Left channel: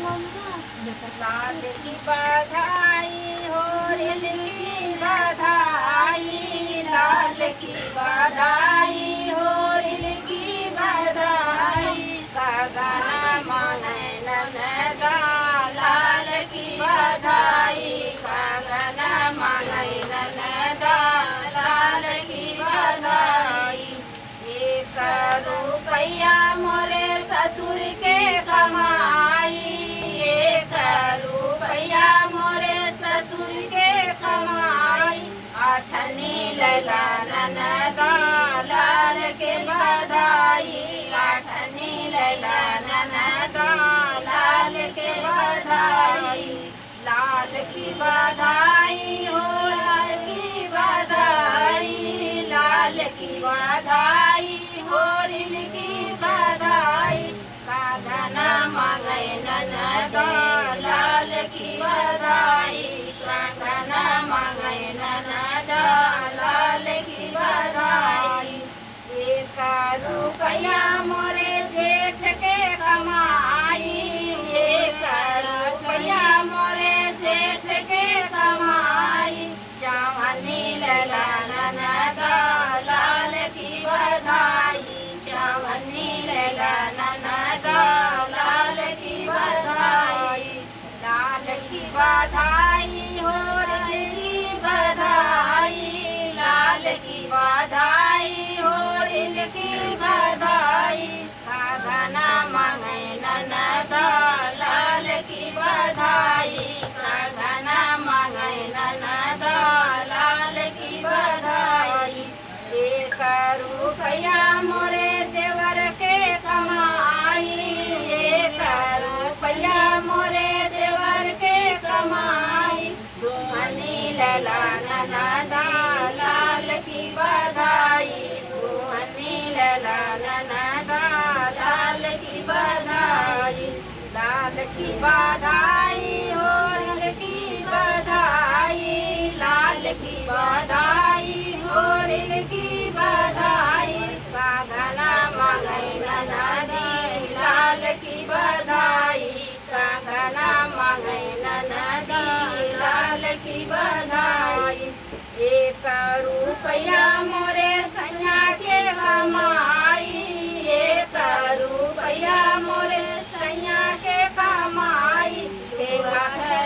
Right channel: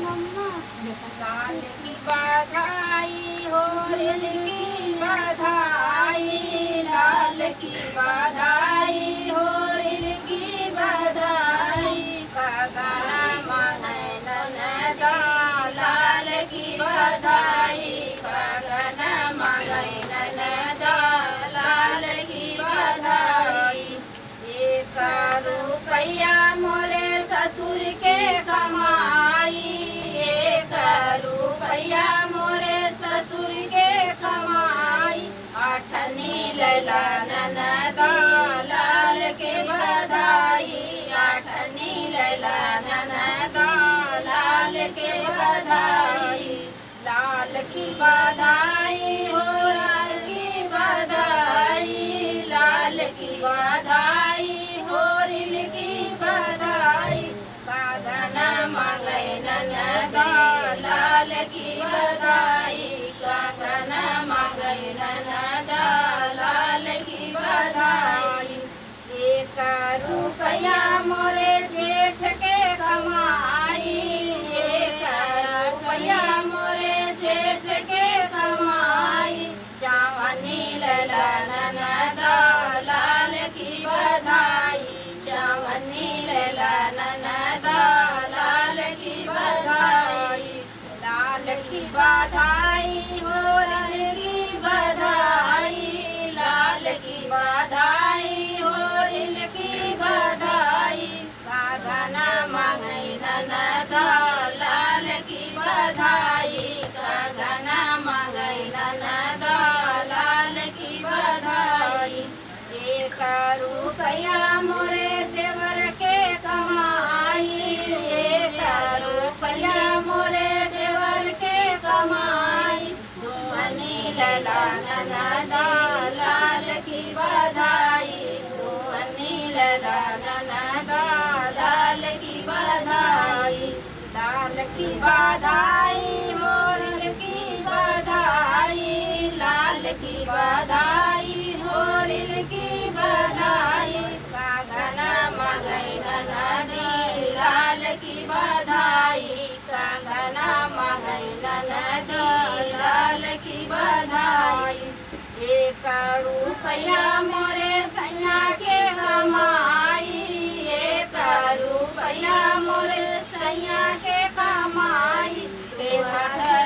लाल की बधाई हो रिल की बधाई, लाल की बधाई हो रिल की बधाई, कागन मांगे ननदा लाल की बधाई, कागन मांगे ननदा लाल की बधाई। एक रुपया मोरे ससुर के कमाई, एक रुपया मोरे ससुर के कमाई, आठनी लैला ननदा लाल के बधाई, आठनी लैला ननदा लाल के बधाई, लाल की बधाई हो लाल की बधाई, लाल की बधाई हो रिल की बधाई, कागन मांगे ननदा लाल की बधाई, कागन मांगे ननदा लाल की बधाई। एक रुपया मोरे जेठ के कमाई, एक रुपया मोरे जेठ के कमाई, चावनी लैला ननदा लाल की बधाई, चावनी लैला ननदा लाल की बधाई, लाल की बधाई हो रिल की बधाई, लाल की बधाई हो रिल की बधाई, कागन मांगे ननदा लाल की बधाई, कागन मांगे ननदा लाल की बधाई। एक रुपया मोरे देवर के कमाई, एक रुपया मोरे देवर के कमाई, दुमनी लैला ननदा लाल की बधाई, दुमनी लैला ननदा लाल की बधाई, लाल की बधाई हो रिल की बधाई, लाल की बधाई हो रिल की बधाई, कागन मांगे ननदी लाल की बधाई, कागन मांगे ननदी लाल की बधाई। एक रुपया मोरे सैया के कमाई, एक रुपया मोरे सैया के कमाई,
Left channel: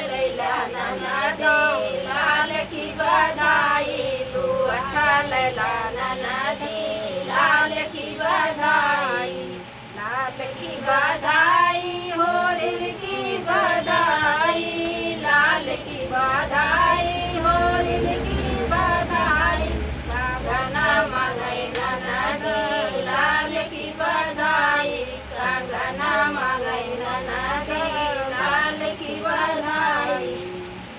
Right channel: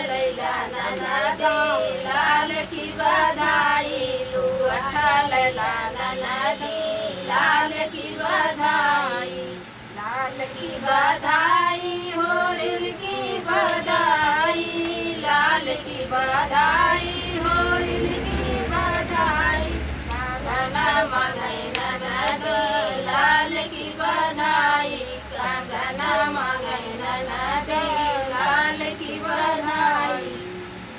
लैला ननदी लाल की बधाई, लूठा लैला ननदी लाल की बधाई, लाल की बधाई हो